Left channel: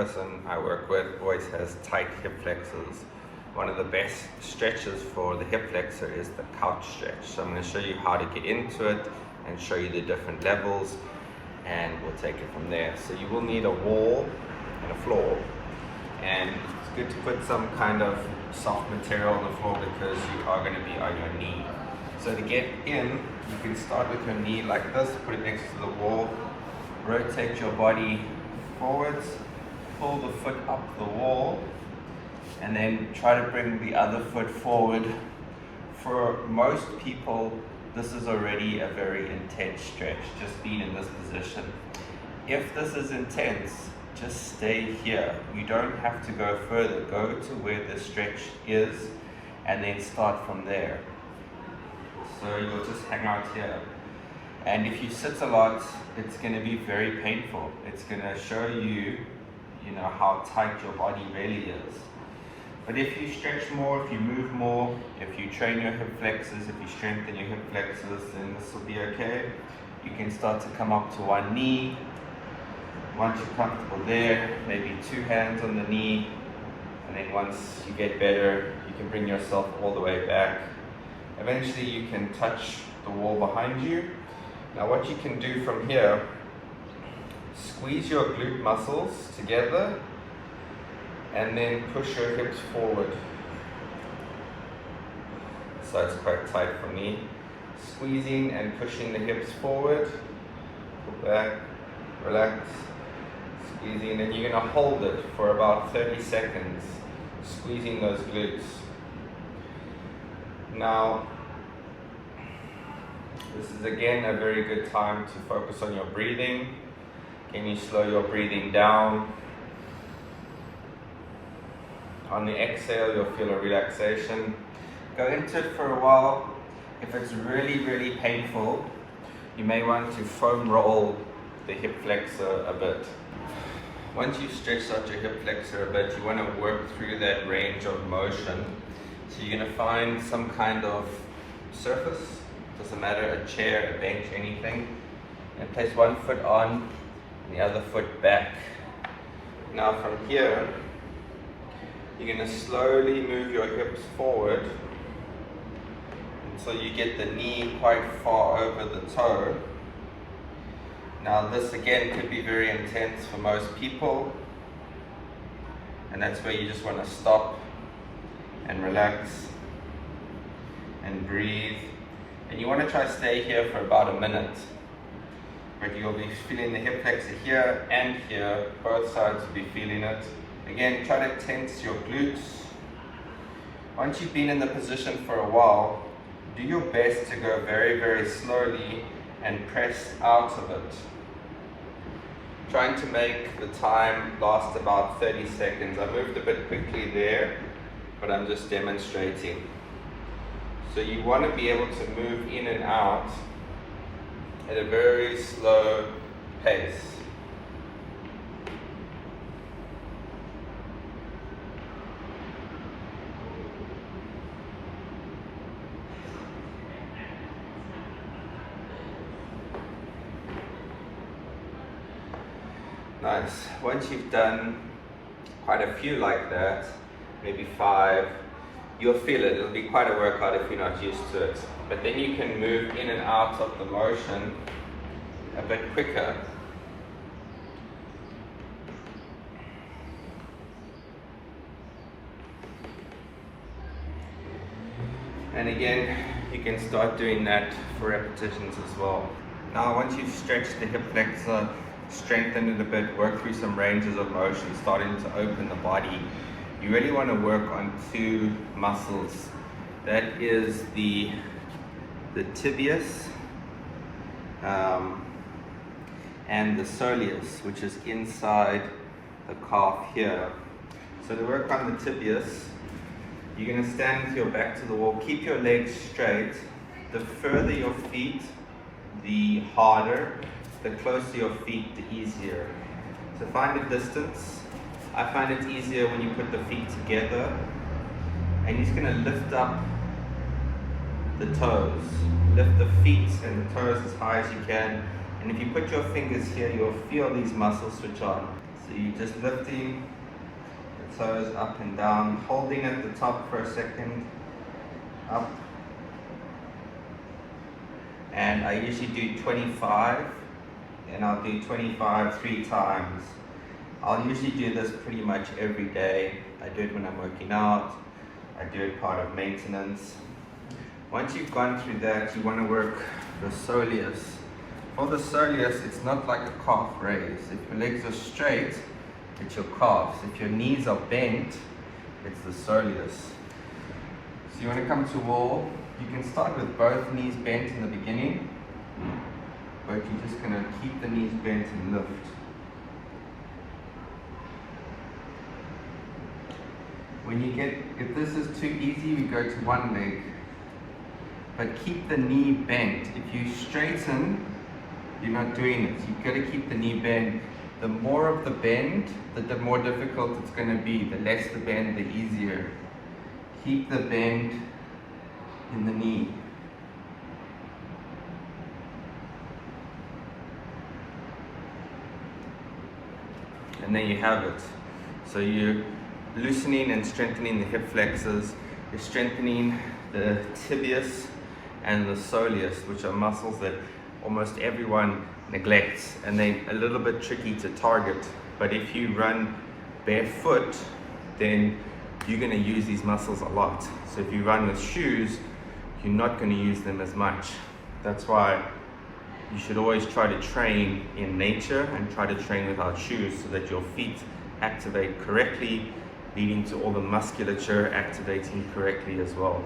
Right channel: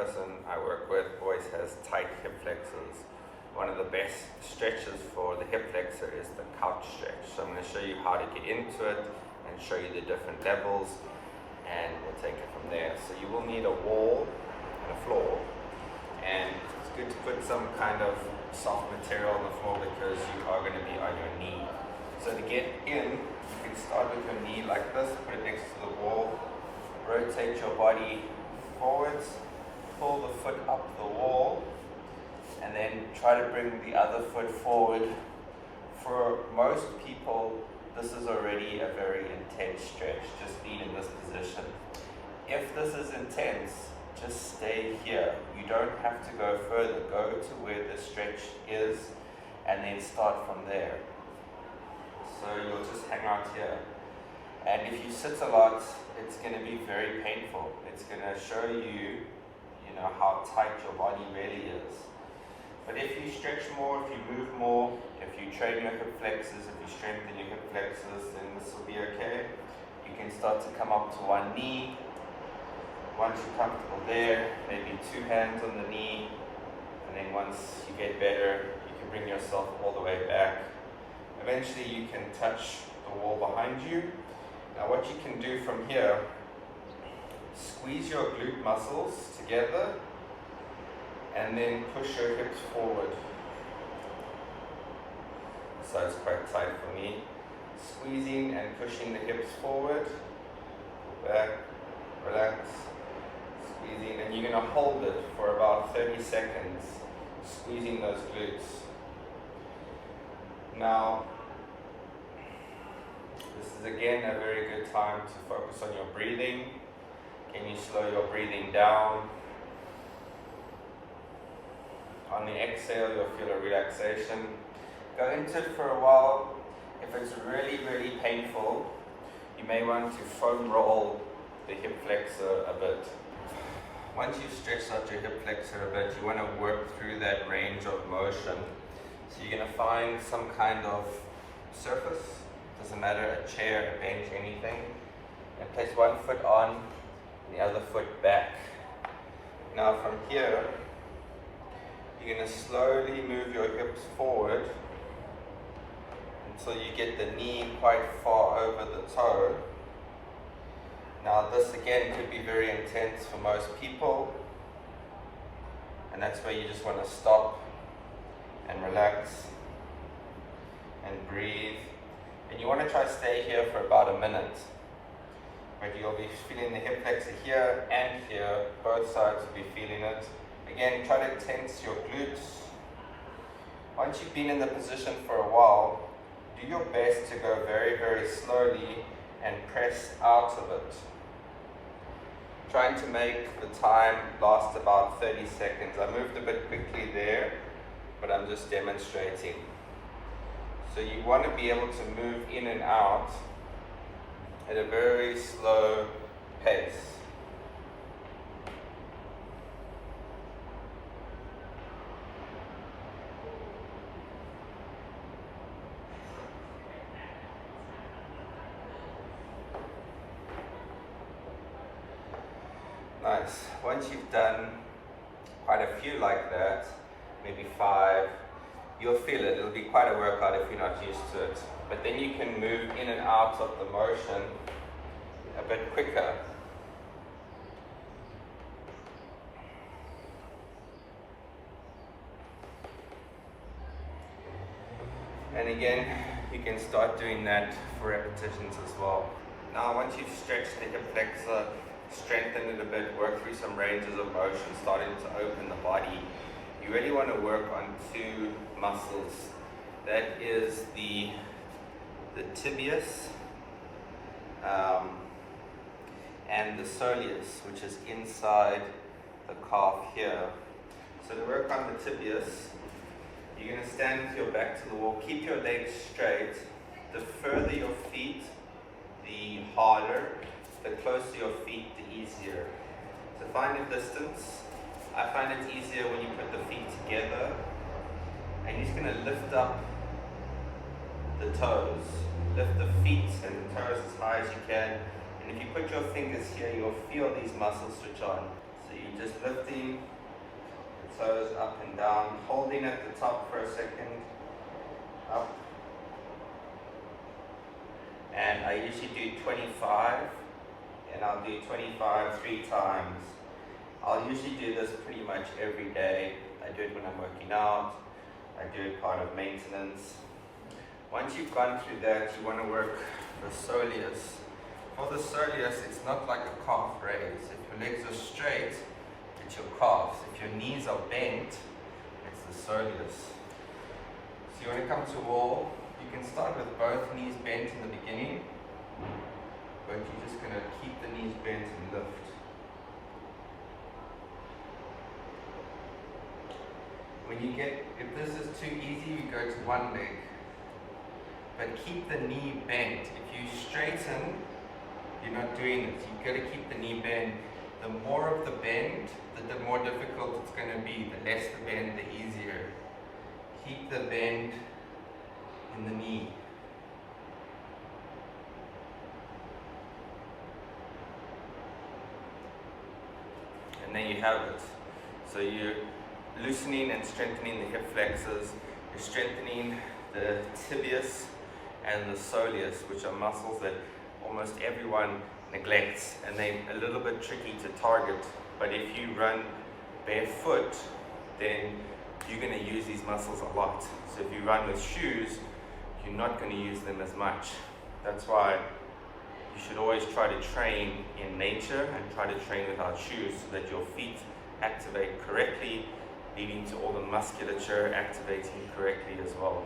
person I work with always has tight hip flexors. One of the best stretches for the hip flexor is the couch stretch. So I'm going to show you how to get into it and show you the different levels, and we'll take it from there. So you will need a wall and a floor, and it's good to put some kind of soft material on the floor because you are going to be on your knee. So to get in, you can start with your knee like this, put it next to the wall, rotate your body forwards, pull the foot up the wall, and then try to bring the other foot forward. For most people, this is already a very intense stretch, just being in this position. If this is intense, just stay here. You don't have to go further. Go to where the stretch is and then start from there. So you'll just hang out here. And if you sit a lot, it's going to be very painful. It's going to show you, how tight your body really is. But if you stretch more, if you move more, if you train your hip flexors, if you strengthen your hip flexors, then this will be okay. You can start to come up to one knee. Once you're comfortable there, maybe two hands on the knee. And then once you get better, you can bring yourself all the way back. Eventually you can touch the wall behind you. Now what you can do from here, squeeze your glute muscles together and then push your hips forward. So it's quite tight for me. Squeezing and pushing the hips forward, pull back, relax, squeezing, and you're going to hold it for about 30 seconds, squeezing those glutes. Now, this is again a very good time to focus on your breathing. Can you slow your breathing down? On the exhale, you'll feel a relaxation. Go into it for a while. If it's really, really painful, you may want to foam roll the hip flexor a bit. Once you've stretched out your hip flexor a bit, you want to work through that range of motion. So you're going to find some kind of surface, doesn't matter, a chair, a bench, anything, and place one foot on and the other foot back. Now from here, you're going to slowly move your hips forward until you get the knee quite far over the toe. Now this again could be very intense for most people, and that's where you just want to stop and relax and breathe. And you want to try to stay here for about a minute, but you'll be feeling the hip flexor here and here. Both sides will be feeling it. Again, try to tense your glutes. Once you've been in the position for a while, do your best to go very, very slowly and press out of it. Trying to make the time last about 30 seconds. I moved a bit quickly there, but I'm just demonstrating. So you want to be able to move in and out at a very slow pace. Nice. Once you've done quite a few like that, maybe 5, you'll feel it. It'll be quite a workout if you're not used to it. But then you can move in and out of the motion a bit quicker. And again, you can start doing that for repetitions as well. Now once you've stretched the hip flexor, strengthen it a bit, work through some ranges of motion, starting to open the body, you really want to work on 2 muscles. That is the tibius and the soleus, which is inside the calf here. So to work on the tibius, you're going to stand with your back to the wall, keep your legs straight. The further your feet, the harder. The closer your feet, the easier. So find a distance. I find it easier when you put the feet together, and you're just going to lift up the toes. Lift the feet and the toes as high as you can. And if you put your fingers here, you'll feel these muscles switch on. So So you're just lifting the toes up and down, holding at the top for a second, up. And I usually do 25, and I'll do 25 3 times. I'll usually do this pretty much every day. I do it when I'm working out. I do it part of maintenance. Once you've gone through that, you want to work the soleus. For the soleus, it's not like a calf raise. If your legs are straight, it's your calves. If your knees are bent, it's the soleus. So you want to come to wall. You can start with both knees bent in the beginning, but you're just going to keep the knees bent and lift. When you get, if this is too easy, we go to one leg, but keep the knee bent. If you straighten, you're not doing it. You've got to keep the knee bent. The more of the bend, the more difficult it's going to be. The less the bend, the easier. Keep the bend in the knee. And then you have it. So you're loosening and strengthening the hip flexors. You're strengthening the tibius and the soleus, which are muscles that almost everyone neglects, and they're a little bit tricky to target. But if you run barefoot, then you're going to use these muscles a lot. So if you run with shoes, you're not going to use them as much. That's why you should always try to train in nature and try to train without shoes, so that your feet activate correctly, leading to all the musculature activating correctly as well.